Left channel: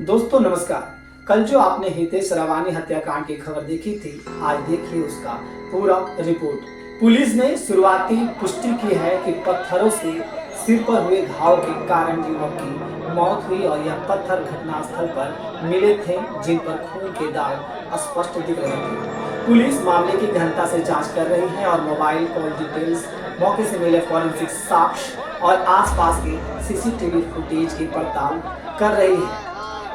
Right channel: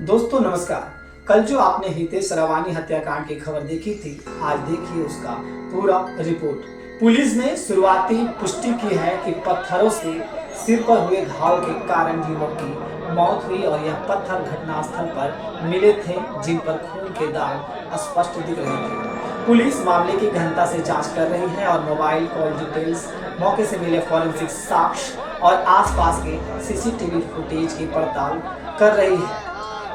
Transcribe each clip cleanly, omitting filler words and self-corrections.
दोस्तों नमस्कार। कल जो आपने हितेश रवानी हत्याकांड की खबर देखी थी, आज देखिए उसका पूरा रिपोर्ट। पुलिस ने शुरुआती पुष्टि की है कि पत्थरों से सिर पर हुए घाव के कारण युवक की मौत हुई और यह पत्थर घटनास्थल पर मिले थे, जिन पर खून के दाग स्पष्ट दिख रहे थे। पुलिस मामले की गहनता से जांच कर रही है और मोबाइल कॉल डिटेल्स, मौके से मिले फॉरेंसिक साक्ष्य और आसपास के सीसीटीवी फुटेज की पड़ताल कर रही है।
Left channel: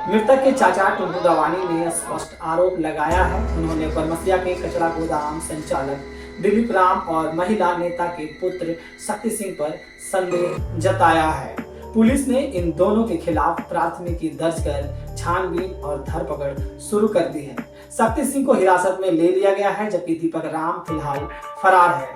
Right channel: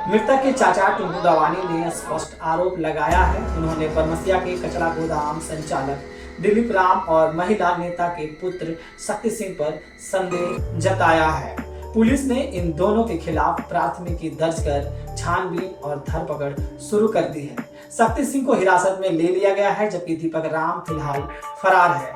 मृतक के चाचा टुन्नू रवानी ने स्पष्ट आरोप लगाया है। उन्होंने बरमसिया के कचरा गोदाम संचालक दिलीप राम और महिला नेता के पुत्र शक्ति सिंह पर संदेह जताया है। पुलिस ने इन दोनों के खिलाफ प्राथमिकी दर्ज कर छानबीन और धरपकड़ शुरू कर दी है। शक्ति सिंह को हिरासत में ले लिया गया है, जबकि दीपक राम फिलहाल फरार है।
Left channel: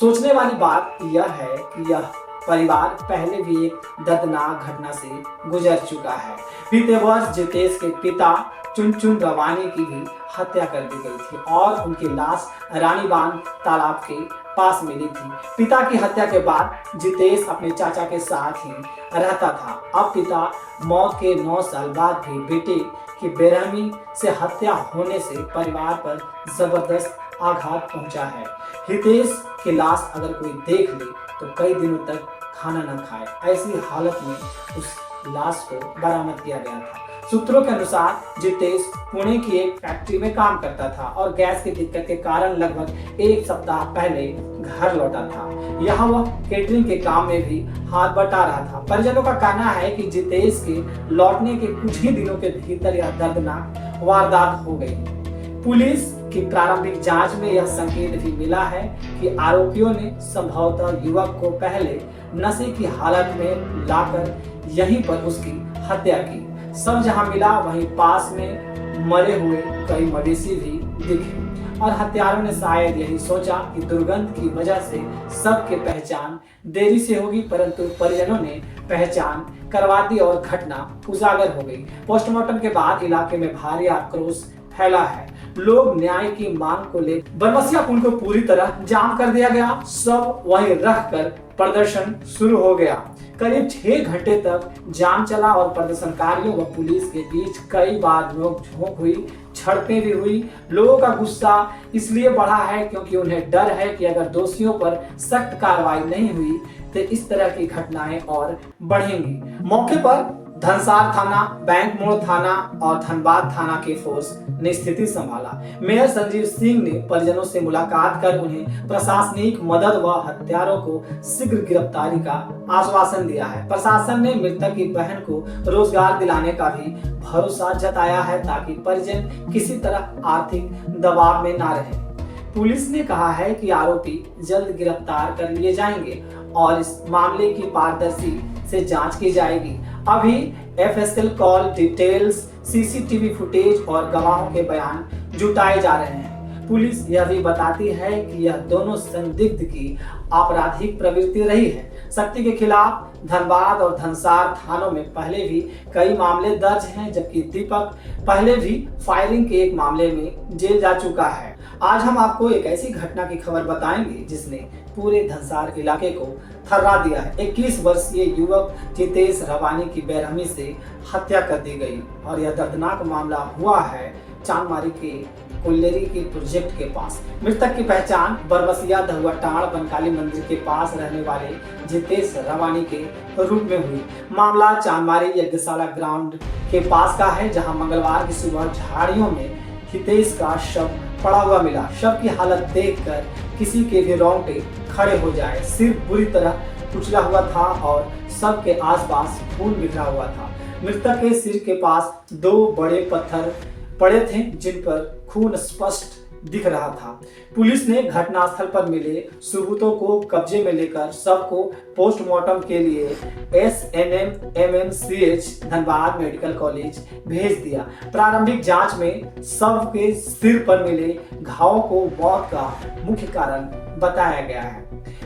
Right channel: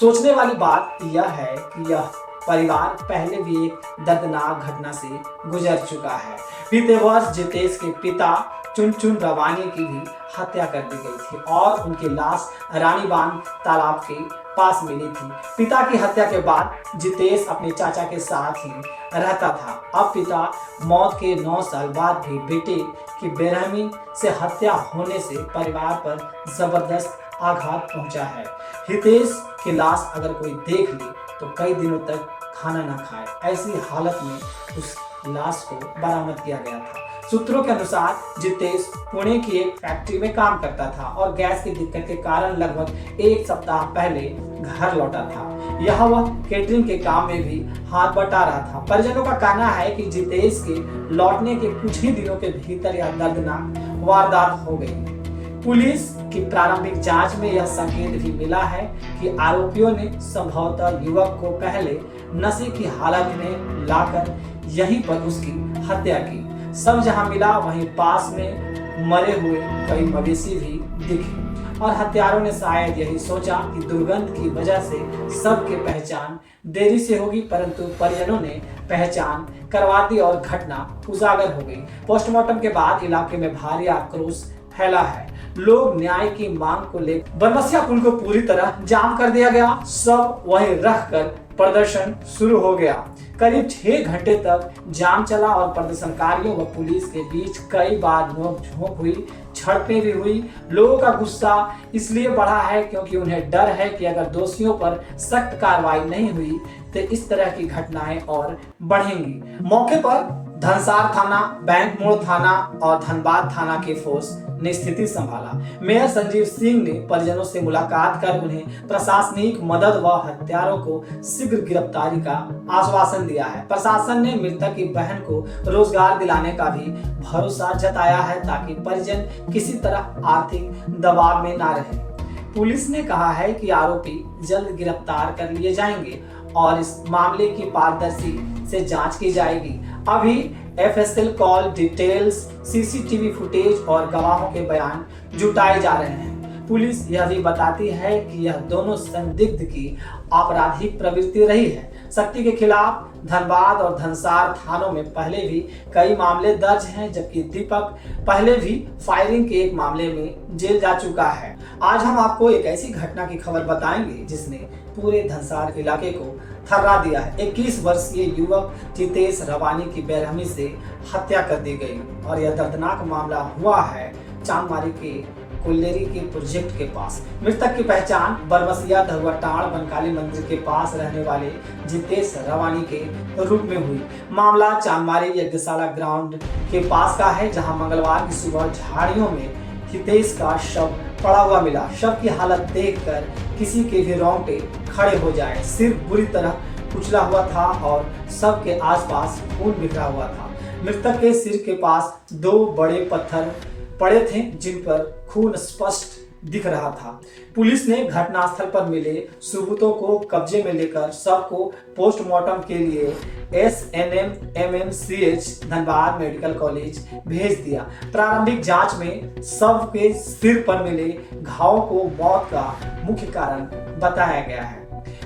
सोचने वाली बात यह है कि यह परिवार पहले भी एक दर्दनाक घटना से गुजर चुका है। बीते वर्ष जितेश के पिता चुनचुन रवानी की भी हत्या कर दी गई थी और उनकी लाश रानीबांध तालाब के पास मिली थी। पिता की हत्या के बाद जितेश अपने चाचा के साथ ही रहता था। अब पिता मौत के 9 साल बाद भी बेटे की बेरहमी से हत्या होने से परिवार पर जबरदस्त आघात पहुंचा है। हितेश की लाश अगर कोई देख ले तो कई दिनों तक खाना न खाए। ऐसी हालत में उस लाश को बरामद किया गया था। सूत्रों के अनुसार जितेश पुणे की एक फैक्ट्री में काम करता था और गैस की दिक्कत के कारण लगभग 1 सप्ताह पहले घर लौटा था। यहाँ वह केटरिंग के काम में भी हाथ बटा रहा था। परिजनों का कहना है कि जितेश के लौटने के कुछ ही दिनों के भीतर यह दर्दनाक वारदात हो गई। पुलिस की प्रारंभिक जांच में यह संकेत भी मिला है कि आरोपियों ने संभवतः युवक को पहले नशे की हालत में लाकर यहीं पर उसकी हत्या की। सब जहां मिला वहीं पास में मरे हुए कई मवेशी भी दिखे और हत्यारों ने शायद यही सोचा कि दुर्गंध की वजह से सबके पहचान देरी से होगी, परंतु परिजनों ने पहचान करवा दी और घटना उजागर हो गई। पोस्टमार्टम के बाद इलाके में भारी आक्रोश फैला है। लोग न्याय की मांग को लेकर बरमसिया पुल को पूरी तरह जाम कर दिया गया। सब वहीं रखकर प्रदर्शन शुरू हो गया। करीब 6 घंटे तक जाम चला और प्रदर्शनकारियों व पुलिस के बीच कई बार नोक-झोंक हुई, झड़पें भी हुई। लोगों का गुस्सा इसलिए बढ़ा है क्योंकि उन्हें डर है कि अगर दोषियों पर सख्त कार्रवाई नहीं हुई तो इस तरह की घटनाएं और बढ़ेंगी। मौके पर धनसार थाना, बैंक मोड़ थाना और धनबाद थाना के फोर्स ने स्थिति संभाला। मेयर संजीव सिंह ने परिजनों से मुलाकात कर उन्हें प्रशासनिक मदद व हत्यारों को शीघ्र गिरफ्तारी का आश्वासन दिया है। प्रशासन ने मृतक की बहन को रोजगार दिलाने का भी भरोसा जताया है ताकि परिजन किसी तरह आर्थिक दबाव में ना रहे। पुलिस ने कहा है कि आरोपी जल्द गिरफ्तार कर लिए जाएंगे और इस मामले की पारदर्शी से जांच की जाएगी। अभी FSL call details, CCTV footage और गवाहों के बयान जुटाए जा रहे हैं। पुलिस यह भी बताती है कि यह दोनों संदिग्ध की आपराधिक प्रवृत्ति रही है। शक्ति के खिलाफ धनबाद और धनसार थानों में पहले भी कई मामले दर्ज हैं, जबकि दीपक पहले भी फायरिंग के एक मामले में जेल जा चुका है। आज हम आपको एक ऐसी घटना की खबर बताएंगे जिसने पूरे धनसार इलाके को थर्रा दिया है। 21 वर्षीय युवक जितेश रवानी की बेरहमी से हत्या कर दी गई और यह दर्दनाक मामला हुआ है चांदमारी के कोल्लेरी के प्रोजेक्ट के पास। मृतक की पहचान बरमसिया दहुआटाड़ बनकाली मंदिर के पास रहने वाले जितेश रवानी के रूप में हुई। मामला चांदमारी यज्ञशाला ग्राउंड के पास का है, जहां मंगलवार की सुबह झाड़ियों में हितेश का शव पड़ा हुआ मिला। शव की हालत देखकर किसी के भी रोंगटे खड़े हो जाए। सिर बुरी तरह कुचला हुआ था और शव के आसपास खून बिखरा हुआ था। मृतक के सिर के पास 2 बड़े पत्थर पड़े थे जिन पर खून स्पष्ट दिख रहा था। पुलिस ने घटनास्थल पर मिले सबूतों को कब्जे में लेकर शव को पोस्टमार्टम के लिए SNM-MMCH धनबाद मेडिकल कॉलेज भेज दिया। प्रारंभिक जांच में शव के सिर पर मिले घावों को मौत का मुख्य कारण बताया गया है।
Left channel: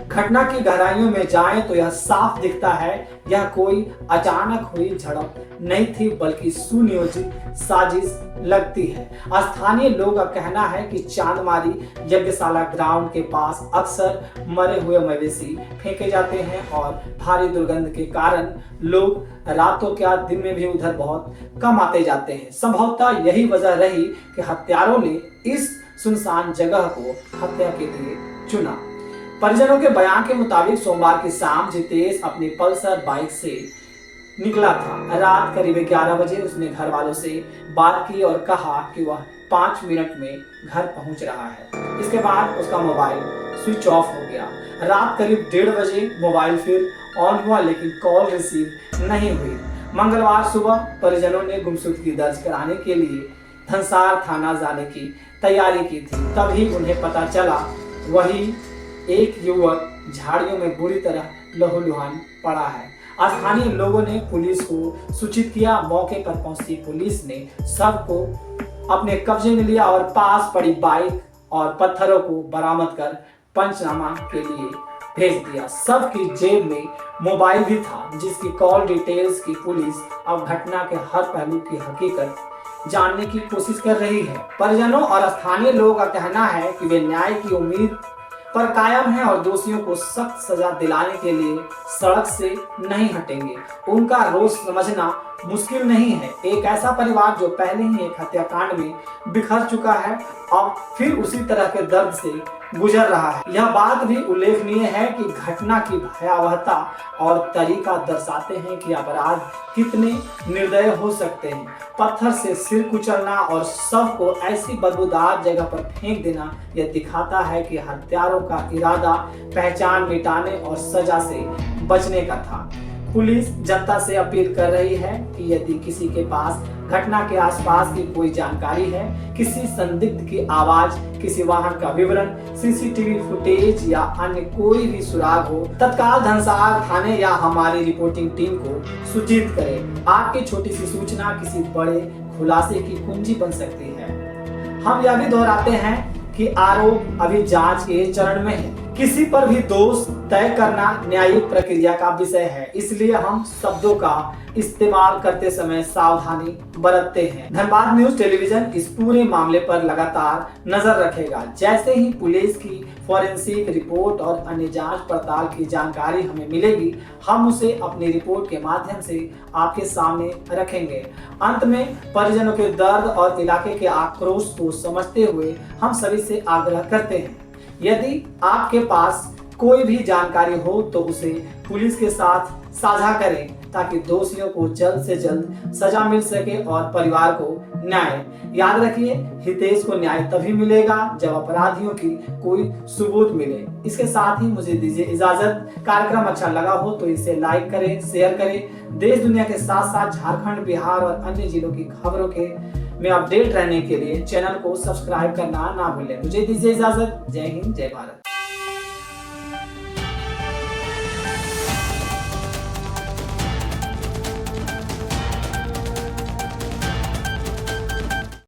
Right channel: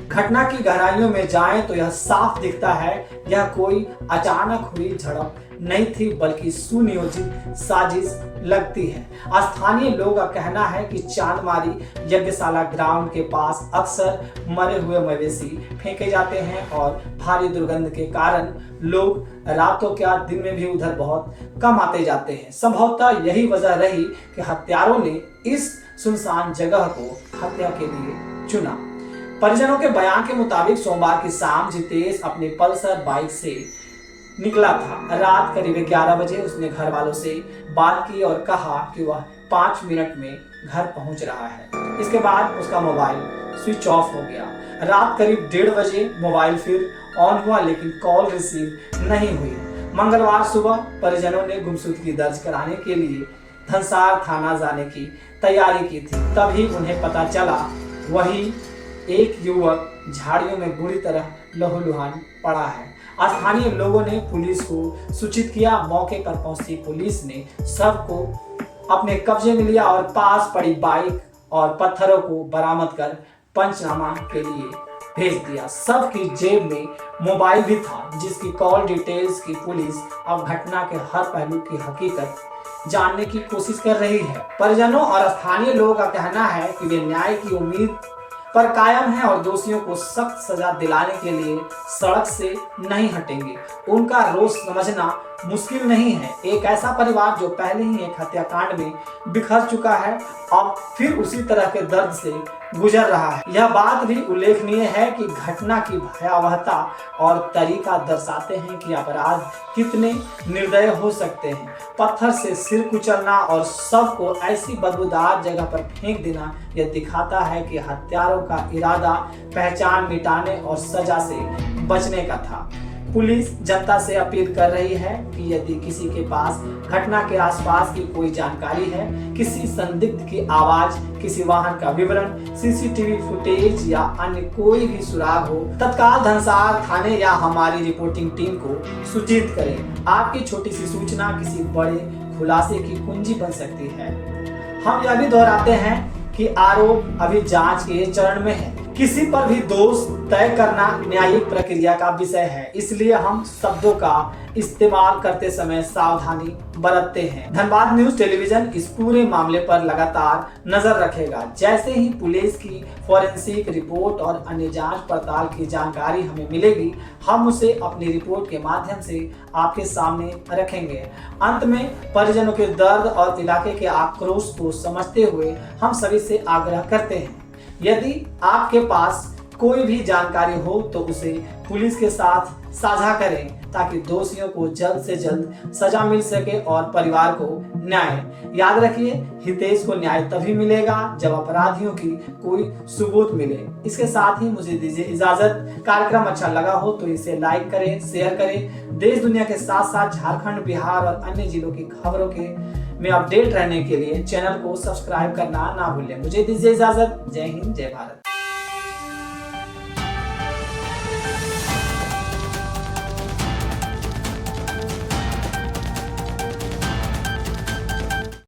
घटना की गहराइयों में जाएं तो यह साफ दिखता है, यह कोई अचानक हुई झड़प नहीं थी बल्कि सुनियोजित साजिश लगती है। स्थानीय लोगों का कहना है कि चांदमारी यज्ञशाला ग्राउंड के पास अक्सर मरे हुए मवेशी फेंके जाते हैं और भारी दुर्गंध के कारण लोग रातों क्या दिन में भी उधर बहुत कम आते जाते हैं। संभवतः यही वजह रही कि हत्यारों ने इस सुनसान जगह को हत्या के लिए चुना। परिजनों के बयान के मुताबिक सोमवार की शाम जितेश अपनी पल्सर बाइक से निकला था। रात करीब 11 बजे उसने घर वालों से बात की और कहा कि वह 5 मिनट में घर पहुंच रहा है। इसके बाद उसका मोबाइल स्विच ऑफ हो गया। रात करीब 1:30 बजे मोबाइल फिर ऑन हुआ लेकिन कॉल रिसीव नहीं हुई। मंगलवार सुबह परिजनों ने गुमशुदगी दर्ज कराने के लिए धनसार थाना जाने की तैयारी की थी। तभी उन्हें पता चला वही एक युवक झाड़ियों में बुरी तरह लहूलुहान पड़ा है। स्थानीय लोगों ने पुलिस को सूचित किया। मौके पर पहुंची पुलिस ने शव को अपने कब्जे में लिया और पास पड़ी बाइक और पत्थरों को बरामद कर पंचनामा के लिए भेज दिया। शव की जेब में मोबाइल भी था जिसकी कॉल डिटेल्स की पुलिस अब घटना के हर पहलू की हकीकत जानने की कोशिश कर रही है। परिजनों और स्थानीय लोगों का कहना है कि वे न्याय की उम्मीद पर कायम है और दोषियों को सख्त सजा दिलाने के लिए सड़क से नहीं हटेंगे। उनका रोष समझना मुश्किल नहीं है। एक ऐसा परिवार जो पहले ही एक हत्याकांड में बिखर चुका है अब फिर उसी तरह के दर्द से गुजर रहा है। यह बात भी उल्लेखनीय है कि घटना की भयावहता और तरीका दर्शाते हैं कि अपराध कितने निर्दय हो सकते हैं। पत्थर से सिर कुचलना और शव को ऐसी बदबूदार जगह पर फेंक देना यह दिखाता है कि हत्यारों का इरादा पहचान मिटाने और सजा से बचने का था। पुलिस जनता से अपील कर रही है कि यदि किसी के पास घटना के आसपास की कोई जानकारी है, किसी संदिग्ध की आवाज, किसी वाहन का विवरण, सीसीटीवी फुटेज या अन्य कोई भी सुराग हो, तत्काल धनसार थाने या हमारी रिपोर्टिंग टीम को सूचित करें। आपकी छोटी सी सूचना किसी बड़े खुलासे की कुंजी बन सकती है। हम यह भी दोहराते हैं कि आरोप अभी जांच के चरण में है। किसी पर भी दोष तय करना न्यायिक प्रक्रिया का विषय है, इसलिए हम शब्दों का इस्तेमाल करते समय सावधानी बरतते हैं। धनबाद न्यूज टेलीविजन इस पूरे मामले पर लगातार नजर रखेगा। जैसे ही पुलिस की फॉरेंसिक रिपोर्ट और अन्य जांच पड़ताल की जानकारी हमें मिलेगी, हम उसे अपनी रिपोर्ट के माध्यम से आपके सामने रखेंगे। अंत में परिजनों के दर्द और इलाके के आक्रोश को समझते हुए हम सभी से आग्रह करते हैं, यदि आपके पास कोई भी जानकारी हो तो उसे पुलिस के साथ साझा करें ताकि दोषियों को जल्द से जल्द सजा मिल सके और परिवार को न्याय। याद रखिए, हितेश को न्याय तभी मिलेगा जब अपराधियों की कोई सबूत मिले। इसके साथ ही मुझे दीजिए इजाजत। कार्यक्रम अच्छा लगा हो तो इसे लाइक करें, शेयर करें। देश दुनिया के साथ साथ झारखंड, बिहार और अन्य जिलों की खबरों के में अपडेट रहने के लिए चैनल को सब्सक्राइब करना ना भूलें। मुझे दीजिए इजाजत। जय हिंद, जय भारत।